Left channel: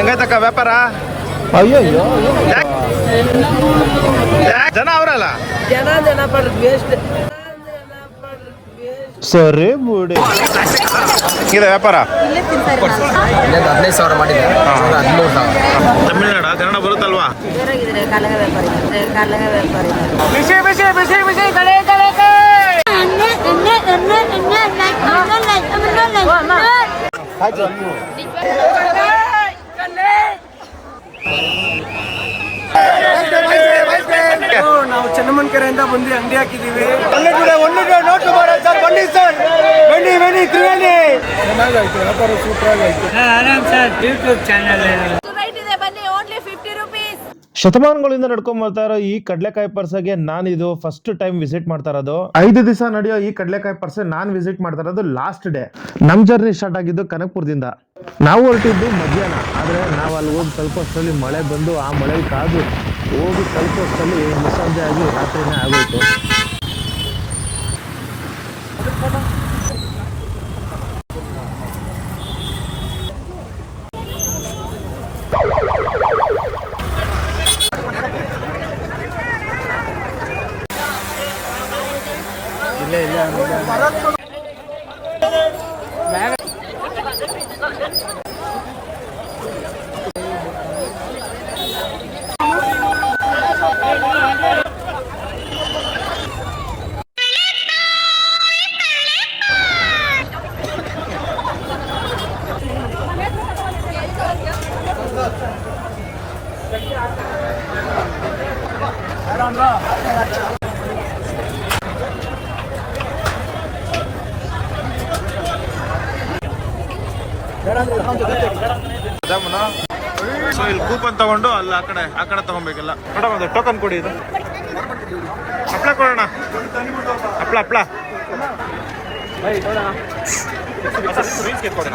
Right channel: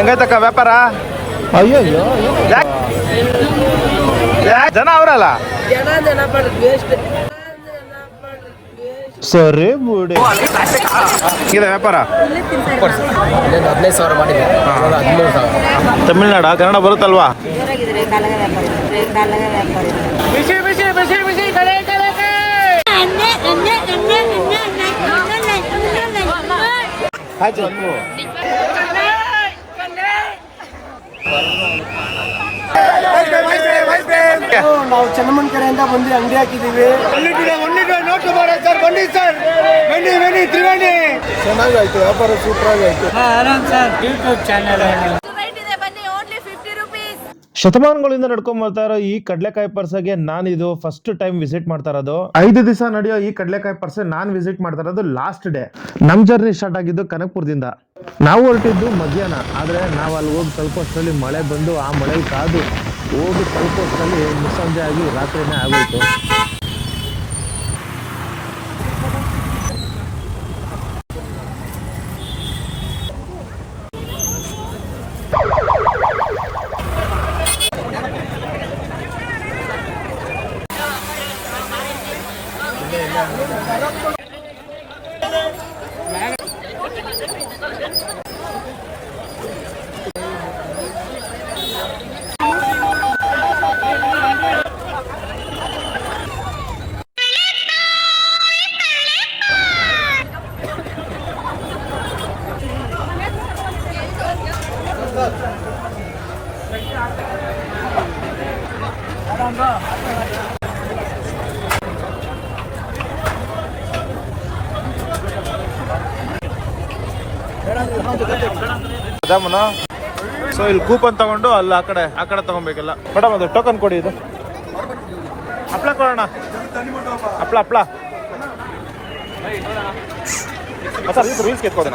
ಹೆಂಗೈತಕ್ಕ ವ್ಯಾಪಾರ? ಅಯ್ಯಯ್ಯೋ ಜನ ಅವರಲ್ಲ ಸರಿ ಬಿಡಿ. ಇದೆ ವ್ಯಾಪಾರ 15,000 ಮಾಡಿದೆ, 13,000. ತಮಿಳ್ನಾಡ ಕನ್ನಡ ಬರುತ್ತಲ್ವಾ? ನಾವು ಚೆನ್ನಮ್ಮನಕೆರೆಯಿಂದ ಬಂದು ಅಂಗಡಿ ಹಾಕಿದೀವಿ. ನೋಟು ಸರ್, ಬನ್ನಿ ಸರ್, ಬನ್ನಿ ಬನ್ನಿ ತಿರುಗಂಡಿ. ಚೆನ್ನಾಗಾಯ್ತು ವ್ಯಾಪಾರ, ಸೂಪರ್ ಆಗಾಯ್ತು. ಆರಾಮ್ ಸರ್, ಯೂಟ್ಯೂಬ್ ಚಾನಲ್ ಶತಮಾನಗಳಿಂದ ನಡ್ಕೊಂಡ್ ಬರ್ತಾ ಇರೋ ಈ ಕಡ್ಲೆಕಾಯಿ ಪರ್ಸಗೆ ನಾನಿದು ಫಸ್ಟ್ ಟೈಮ್ ವಿಸಿಟ್ ಮಾಡ್ತಾ ಇರೋದು. 5 ದಿವಸ ನಡೆಯೋ ಈ ಕಡ್ಲೆಕಾಯಿ ಪರ್ಸೆ ನಾನ್ ವಿಸಿಟ್ ಮಾಡ್ತಾ ಇರೋದು ಲಾಸ್ಟ್ ಡೇ. ನಮ್ ಜರ್ನಿ ಸ್ಟಾರ್ಟ್ ಆಗಿದ್ದು ಕನಕಪುರದಿಂದ. ನಾವು ಹೊರಟಿದ್ದು ಮಧ್ಯಾಹ್ನ, ಆದ್ರೆ ನಾವು ಅಲ್ಲಿ ಹೋಗಿ ತಲುಪೋಷ್ಟರಲ್ಲಿ ಮಳೆ ಬಂದು ಆ ಮಳೆಗೆ ಕಾದು ಹೋಗಿ ತಲುಪೋಷ್ಟರಲ್ಲಿ ಮುಸ್ಸಂಜೆ ಆಗಿ ರಾತ್ರಿನೇ ಆಗೋಯ್ತು. ಸೊ ಇಲ್ಲಿ ಕೂಪನ್ ತಗೊಂಡು ಅಲ್ಲಿ ಆ ಕಡೆ ತಗೊಬೇಕಲ್ಲ. ಮೇಡಮ್ ಅದು ಟೋಕನ್ ಕೊಡಿ. ಇದು ಹಪ್ಳ ಕೊಡೋಣ. ಹಪ್ಳ ರೂಲ್ಸ್ ಕೆತ್ಕೋದಣ.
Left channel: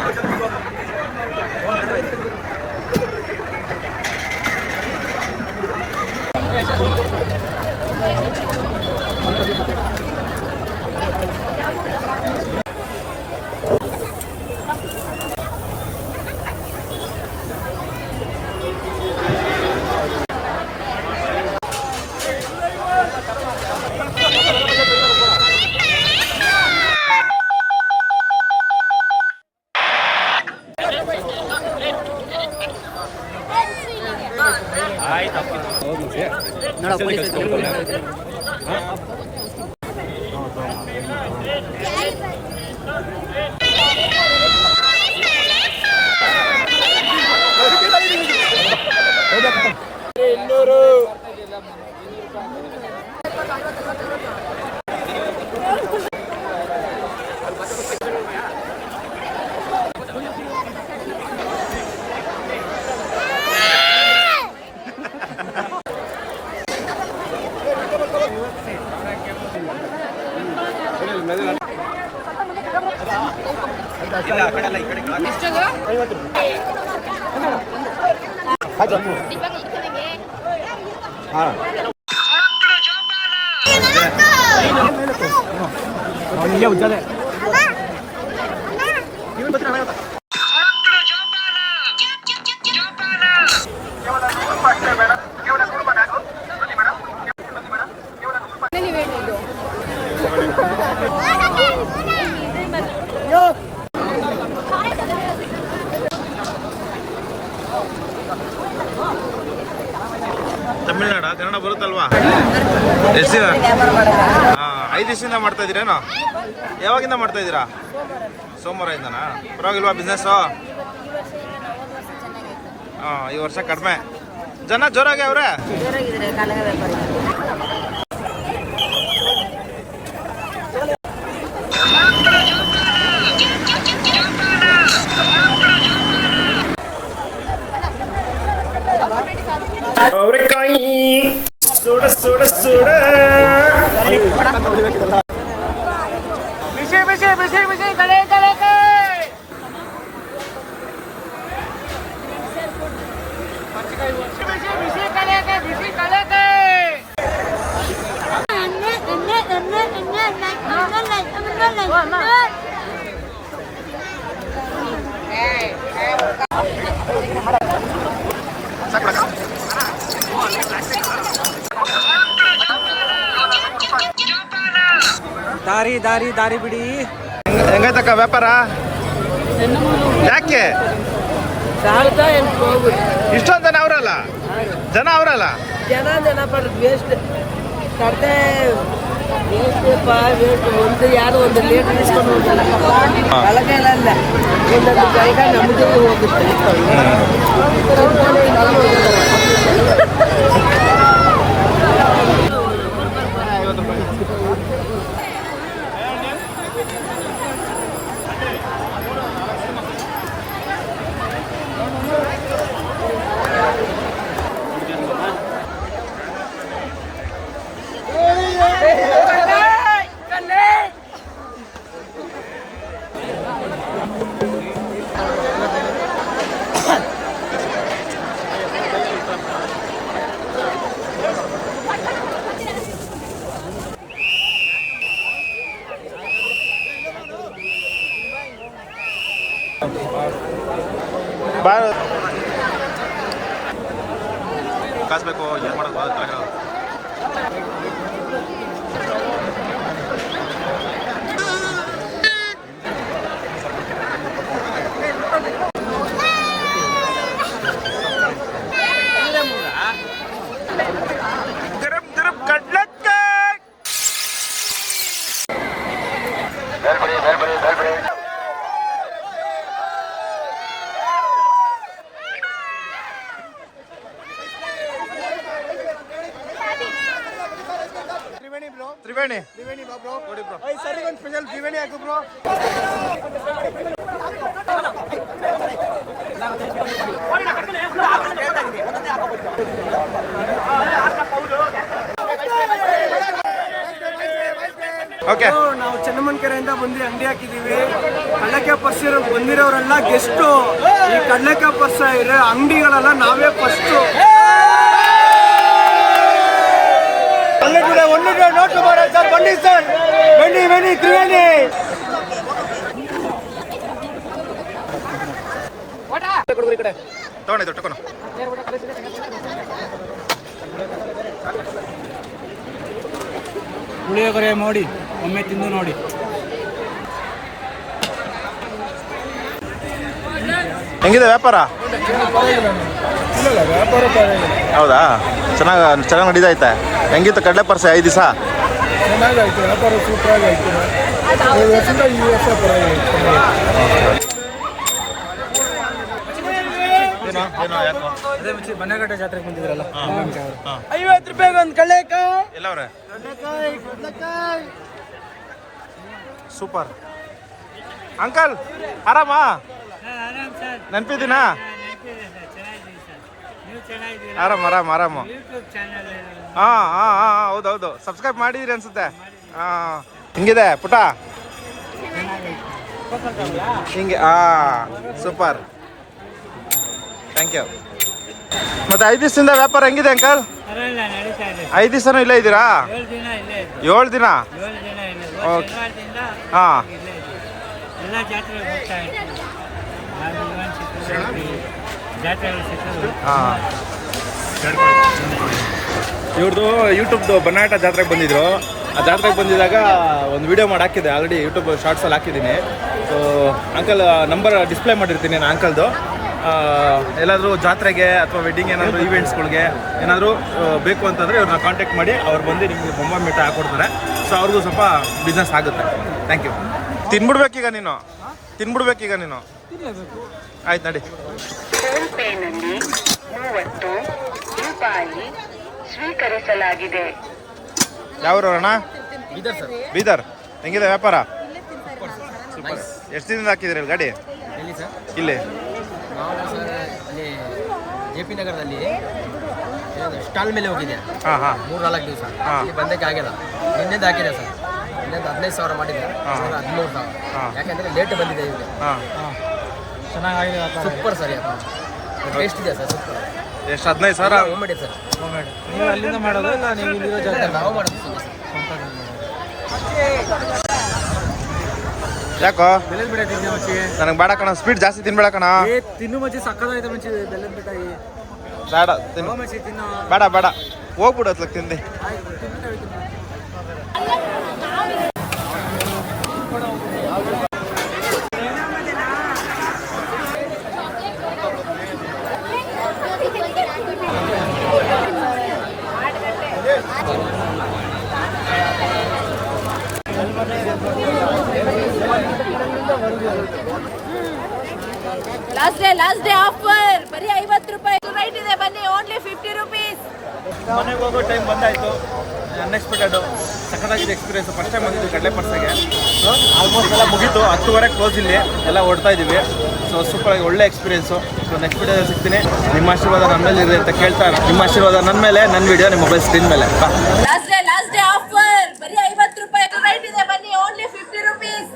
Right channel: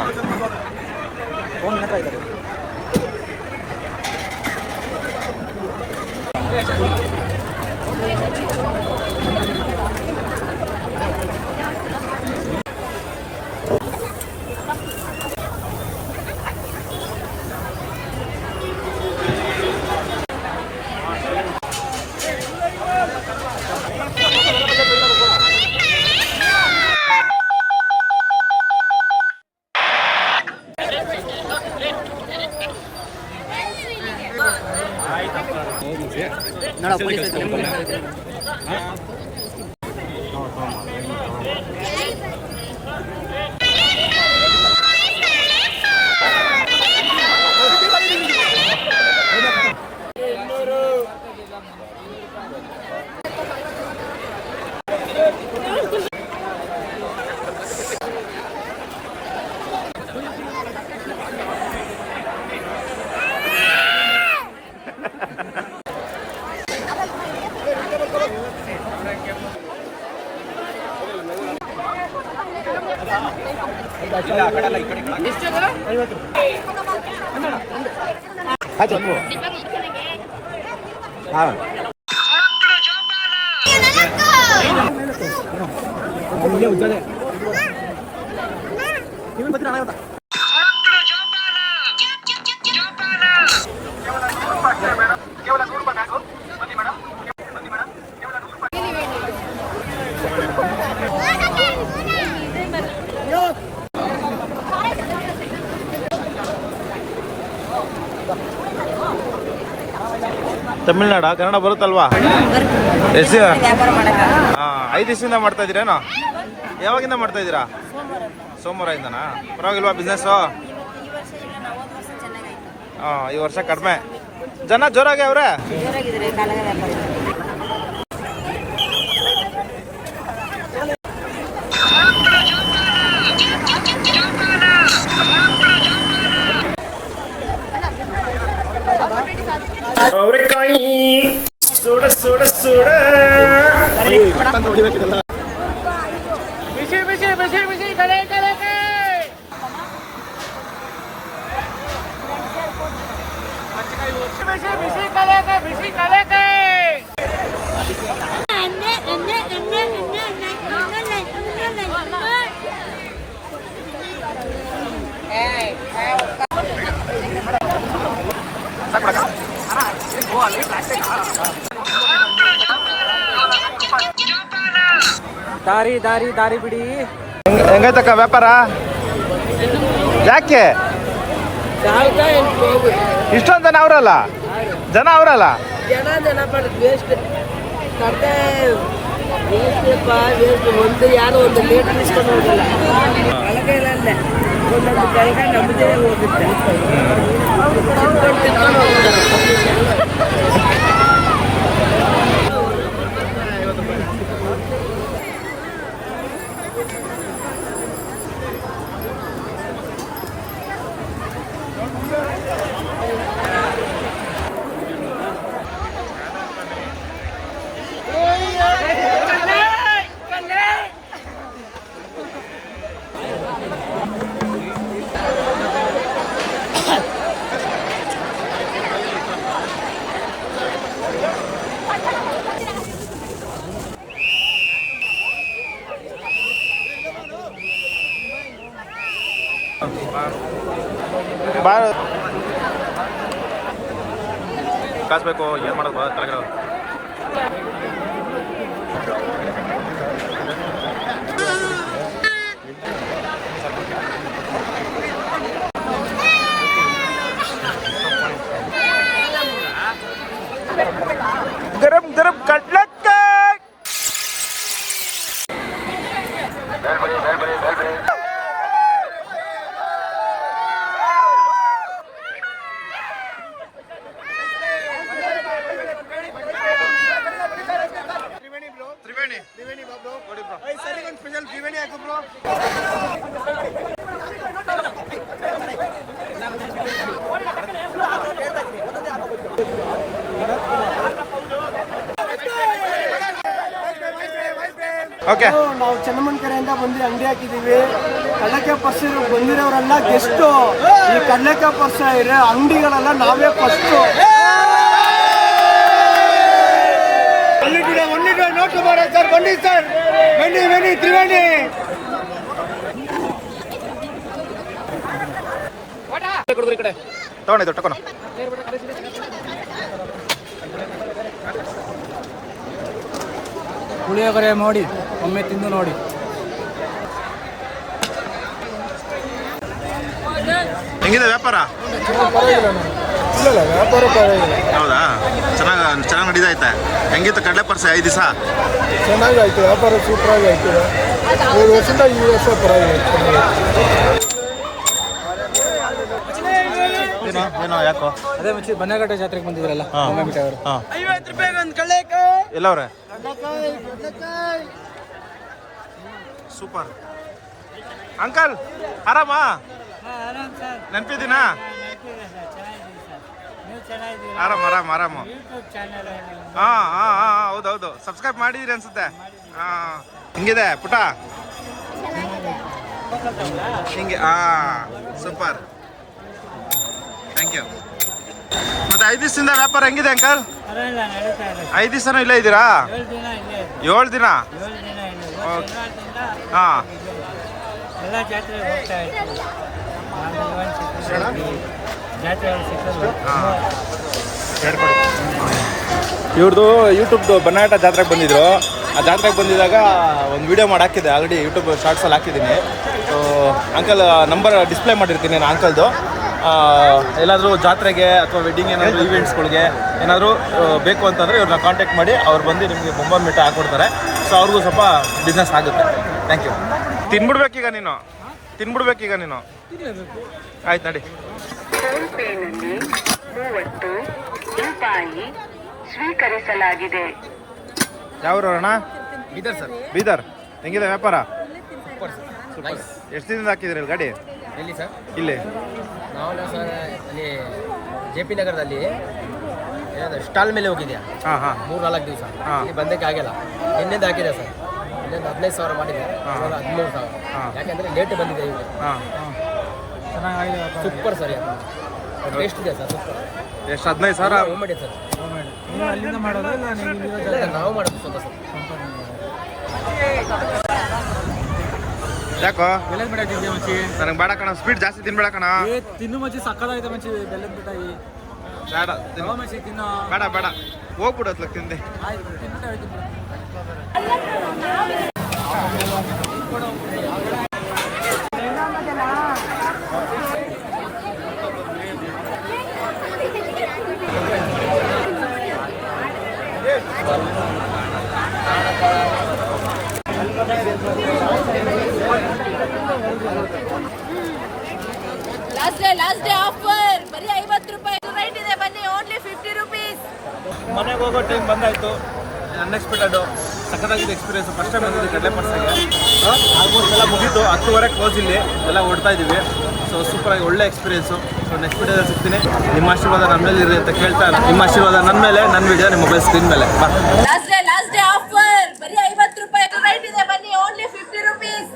ತಮಿಳ್ನಾಡ ಕನ್ನಡ ಬರುತ್ತಲ್ವಾ? 5 ದಿವಸದಿಂದ ಮಾಡ್ತಾ ಇದ್ದೀರೇನೋ? ಯಾವಾಗಿಂದ ಮಾಡ್ತಾ ಇದ್ದೀರಾ? ಸೋಮವಾರದಿಂದನಾ? ಪರವಾಗಿಲ್ವಾ ಬಿಸ್ನೆಸ್? ಈ ವರ್ಷ ಕಡಿಮೆ ಜನ ಜೋರಾಗಿ ಅವ್ರೆ. ಅವರೆಕಾಯಿ ಸುಡ ಸುಡ ಸುಡ ಬಿಸಿ ಬಿಸಿ ಬಿಸಿ ಬಿಸಿ ಕಳೆ ಕಳೆ ಬಿಸಿ ಬಿಸಿ ಕಳೆ ಬಿಸಿ ಕಳೆ ದಾರಿ ದಾರಿ ದಾರಿ ಬಿಡಿ. ಹೆಂಗೈತಕ್ಕ ವ್ಯಾಪಾರ? ಯಾಕೆ ಇಷ್ಟೊಂದು ಜನ ಅವರಲ್ಲ? ಜನ ಅವರಲ್ಲ? ಜನ ಬರೋದು ವೇಸ್ಟ್ ಕಡ್ತೆ ವೇಸ್ಟ್ ಒಂದು ಯಾರು ಒಂದು ಲೇಟ್ ಇಸ್ಕೊಂಡು ಹೋಗಲ್ಲ. ಕಳಗೆಲ್ಲ ಒಂದೊಂದು ಕಳಗ ನಮ್ಮದೇ ಹೋಗುತ್ತೆ. ತಿನ್ಕೊಂಡು ಹೋಗ್ತಾರೆ. ಕಾಸ್ಬೇಕು ಏನು ಮಾಡೋದು ತರಗಡ. ಗರಂ ಗರಂ ಕಡ್ಲೆಕಾಯಿ. ತ್ರಿವೇಣಿ ನೋಡಿ ಬ್ರೋ. ಸರಿ ಒಂದು ಸ್ಪೆಷಲ್ ತ್ರಿವೇಣಿ ಹಾಕು ಬ್ರೋ. ಓಕೆ, ನಾವು ಚೆನ್ನಮ್ಮನಕೆರೆಯಿಂದ ಬಂದು ಅಂಗಡಿ ಹಾಕಿದೀವಿ. ಕಡಲೆಕಾಯಿ ಪರ್ಸರು ಬಂದಿರೋರೆಲ್ಲ ಗೆಸ್ಟು. ಈ ಕಡಲೆಕಾಯಿ ಪರ್ಸ ಇರೋ ಅಂಗಡಿಗಳೆಲ್ಲ ನಾವೇ ಫಸ್ಟು. ಒಳ್ಳೆ ನೋಟು ಬರೋ ಸರ್. ಬನ್ನಿ ಸರ್, ಬನ್ನಿ ಬನ್ನಿ ತ್ರಿವೇಣಿ. ತಗೊಂಡಿದ್ದು ಟಕೋಣ. ಪುಳಿಯೋಗರೆ ನೋಡಿ, ಒಮ್ಮೆ ತಿಂದು ನೋಡಿ. ಹೆಂಗಿದೆ ವ್ಯಾಪಾರ? ಇಲ್ಲ ವ್ಯಾಪಾರ ಪರವಾಗಿಲ್ಲ. ಹೌದಾ? ಚೆನ್ನಾಗಿ ನಡೀತೈತೆ. ಹೆಂಗಿತ್ತು ಕಡಲೆ ಪರ್ಸ 5 ದಿವಸ? ಚೆನ್ನಾಗಿ ಆಯ್ತು, ವ್ಯಾಪಾರ ಸೂಪರ್ ಆಗಿ ಆಯ್ತದೆ. 7 ವರ್ಷದಿಂದ ಈ ವರ್ಷ ಪರವಾಗಿಲ್ಲ. ಏನೋ ಯಾಕೋ ಅದೇ ಬನ್ನಘಟ್ಟ ಜಾತ್ರೆಗೆ ಬಂದಿದ್ರಲ್ಲ, 50 ರೂಪಾಯಿಗೆ ಒಂದು ಕಡಲೆಕಾಯಿ. ಎಲ್ಲವ್ರೆ? ಸೂಪರ್ ಅಂಕಲ್, ಆರಾಮಾ? ನೆನಪಿದ್ದೀನಾ? ಆರಾಮ್ ಆರಾಮ್ ಆರಾಮು. ಹೌದೌದು, ಸಬ್ಸ್ಕ್ರೈಬ್ ಮಾಡಿದ್ರಿ ಅನ್ಸುತ್ತೆ. ಹಿಂಗಿದೆ ಪುಟ? ಹಿಂಗೆ ಸೂಪರ್, ಥ್ಯಾಂಕ್ ಯು. ಮತ್ತೆ 5 ದಿವಸದಿಂದ ವ್ಯಾಪಾರ ಹೆಂಗಿದೆ ಅಂಕಲ್? 5 ದಿವಸನೂ ಇಲ್ಲೇ ಇದ್ದೀರಾ? 7 ದಿನ. ಹಾಂ, ಎಲ್ಲ ಜಾತ್ರೆಗೆ ಹೋಗ್ತಾ ಇರ್ತೀವಿ. ಇವ್ರದ್ದು ಯೂಟ್ಯೂಬ್ದು ಬನ್ನಾಟ ಜಾತ್ರೆಗೆ ಬಂದಿದ್ರು. ಆ ಜಾತ್ರೆಗೆ ಬಂದಿದ್ದಾಗ ಒಂದು ವಿಡಿಯೋ ಮಾಡಿ ಹಾಕಿದ್ದೆ, ಆಲ್ರೆಡಿ ಯೂಟ್ಯೂಬ್ ಶಾರ್ಟ್ಸಲ್ಲಿ ಹಾಕಿದ್ದೀನಿ. ಸೊ ಅಂಕಲ್ ನಂಬರ್ ಡಿಸ್ಪ್ಲೇ ಮಾಡಿರ್ತೀನಿ ನಾನು ಅಂಕಲ್ದು. ಎಲ್ಲಾದರೂ ಜಾತ್ರೆಗೆ ಅಥವಾ ವೆಡ್ಡಿಂಗ್ ಏನಾದರೂ ಈವೆಂಟ್ಸ್ಗಳಿಗೆ ಏನಾದರೂ ಬೇಕು ಅಂತಂದರೆ ಇವ್ರನ್ನ ಕಾಂಟ್ಯಾಕ್ಟ್ ಮಾಡಿ ಅವ್ರು ಬಂದು ನಿಮಗೆ ಬೊಂಬ ಮೀಟ ಹಾಕ್ಕೊಡ್ತಾರೆ. ಸೊ ಅವ್ರಿಗೂ ಸ್ವಲ್ಪ ಬಿಸ್ನೆಸ್ ಆಗುತ್ತೆ. Thank you. ತಿನ್ಬಿಡ್ಬೇಕೀಗ ನೀನು, ಆಯ್ತು ನಡಿ. ಫೋನ್ಪೇನಲ್ಲಿ 30 ರೂಪಾಯಿ ಸ್ವೀಕರಿಸಲಾಗಿದೆ. ಯಾವ್ರಣ್ಣ? ಬೀದರ್ ಸರ್. ಬೀದರ್. ಹೆಂಗಿದೆ ವ್ಯಾಪಾರ? ಸೂಪರ್. ಎಷ್ಟು ದಿನದಿಂದ ಹಾಕಿದ್ರಿ ಇಲ್ಲಿ ಗಾಡಿ? ಎಲ್ಲಿ ಸರ್? ಇಲ್ಲಿ ನಾವು ಸರ್ ಅಲ್ಲಿ JP ನಗರದಲ್ಲಿ ಏನಾದ್ರು ಸ್ಟಾಲ್ ಮೇಲೆ ಹೋಗಿದ್ದೆ. ಹಾಂ ಹಾಂ 3-4 ದಿವಸ ಇಲ್ಲಿ ಬಂದಕ್ಕೆ ಆಗಿಲ್ಲ. ನಿನ್ನೆಂದ ಹಾಕಿದೆ ಸರ್. ನಿನ್ನೆಂದ 15,000 ಮಾಡಿದೆ, 13,000. ಯಾಕಂದ್ರೆ ಲೇಟ್ ಬಂದಿದೆ ಈಗ. ಹಾಂ, ಸೂಪರ್ ಸರ್, ಟೇಸ್ಟ್ ಇದೆ ಸರ್, ಸೂಪರ್. ಎಷ್ಟು? 15,000 ಮಾಡಿ ಸರ್. ನೀವು ಅಲ್ಲಿಂದ ಮಾಡೋದು ಇಲ್ಲ ನೀವು ಇಲ್ಲ, ನಾವು ಮಾಡೋದು ಸ್ವಲ್ಪ ಸರ್. ಯಾಕೋ? ಬೆಲ್ಲದ ಬಿಡ ಮಚ್ಚಿ ನನಗೆ ಬೇಡ ಕಣ, ಸ್ವೀಟ್ ಜಾಸ್ತಿ ತಿನ್ಬೇಡ ಕಣ. ತಿನ್ನು ಮಚ್ಚಿ ಸಕ್ಕದಾಯ್ತು ಮಚ್ಚಿ ಬೆಲ್ಲದ ಬಿಟ್ಟಾಗಿ. ಬೇಡ ತಿನ್ನು. ಬೇಡ ಬೇಡ ಹೋಗ್ಬಿಡು ಅತ್ಲಕ್ ತಿಂದೆ. ಲಾಸ್ಟ್ ಡೇ ಆಫರ್ ಬರೀ 50 ರೂಪಾಯಿ ರೈಟ್ ಇದೆ ಬನ್ನಿ ಓನ್ಲಿ 50 ರುಪೀಸ್. ಮನೆಗೆ ಹೋಗೋ ಟೈಮ್ ಬಂದಾಯಿತು. ಅನ್ಎಕ್ಸ್ಪೆಕ್ಟೆಡು ಸಖತ್ತಾಗಿದೆ ಎಕ್ಸ್ಪೀರಿಯನ್ಸ್. ಫಸ್ಟ್ ಟೈಮ್ ಬಂದಿದ್ದು ಕಡಲೆ ಪರ್ಸೆಗೆ. ಆಲ್ಮೋಸ್ಟ್ ಎಲ್ಲ ಮುಗೀತು. 10:30 ಕ್ಲೋಸ್ ಇಲ್ಲಿ ಎಲ್ಲ ಹೊಡ್ತಾ ಇದ್ದೀವಿ. ಸೊ ಸೂಪರಾಗಿ ಒಳ್ಳೆ ಎಕ್ಸ್ಪೀರಿಯನ್ಸು. ಸೊ ನೆಕ್ಸ್ಟ್ ವಿಡಿಯೋ ಸಿಗ್ತೀನಿ. ನಿಮ್ಮ ಆಶೀರ್ವಾದ ನನ್ನ ಮೇಲೆ ಇದೆ ಅಂತ ಕೇಳ್ತಾ, ನಿಮ್ಮ ಆಶೀರ್ವಾದ ನನ್ನ ಮೇಲೆ, ನನ್ನ ವಿಡಿಯೋ ನಿಮ್ಮ ಮೊಬೈಲ್ ಸ್ಕ್ರೀನ್ ಮೇಲೆ. ಬಾ. ಲಾಸ್ಟ್ ಡೇ ಆಫರ್ ಬರೀ 50 ರೂಪಾಯಿ ರೈಟ್ ಇದೆ ಬನ್ನಿ ಓನ್ಲಿ 50 ರುಪೀಸ್.